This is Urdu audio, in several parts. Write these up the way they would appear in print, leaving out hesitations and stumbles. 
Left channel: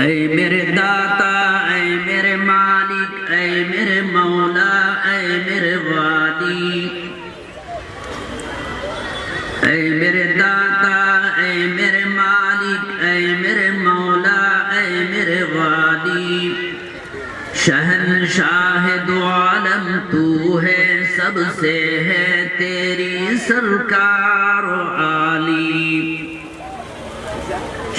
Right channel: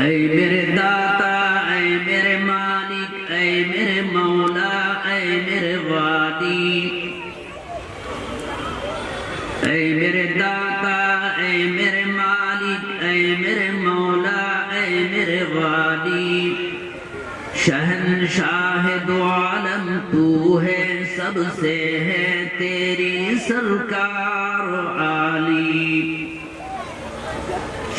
اے میرے داتا، اے میرے مالک، اے میرے مولا، اے میرے والی، اے میرے داتا، اے میرے مالک، اے میرے مولا، اے میرے والی، شہنشاہ دو عالم تو ہے، سب سے ہے تیری سرکار و عالی،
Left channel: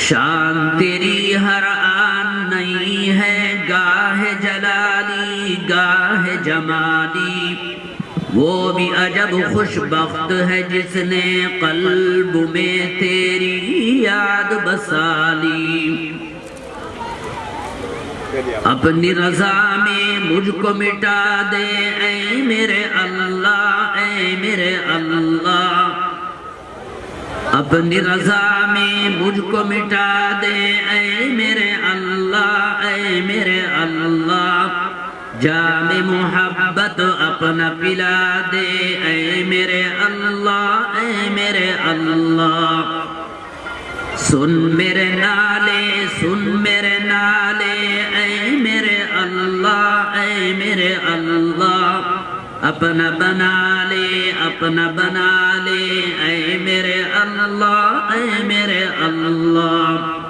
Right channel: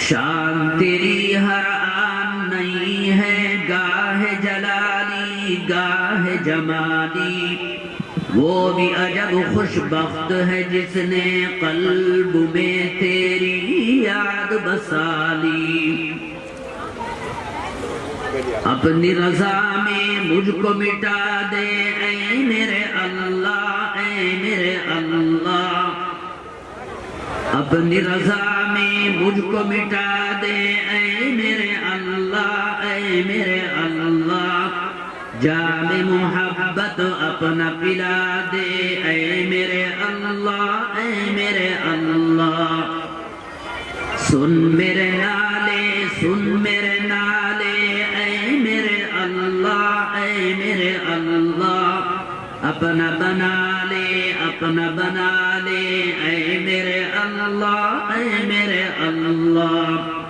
شان تیری ہر آن نہیں ہے، گاہ جلالی گاہ جمالی، وہ بھی عجب خوش بخت ہے جس نے قلب میں تیری یاد بسالی، اپنی رضا میں مجھ کو مٹا دے اے میرے اللہ، اے میرے اللہ، اپنی رضا میں مجھ کو مٹا دے اے میرے اللہ، اے میرے اللہ، جام محبت اپنا پلا دے اے میرے اللہ، اے میرے اللہ، سن میرے نالے، سن میرے نالے اے میرے اللہ، اے میرے اللہ، اپنا بنا لے، اپنا بنا لے اے میرے اللہ، اے میرے اللہ،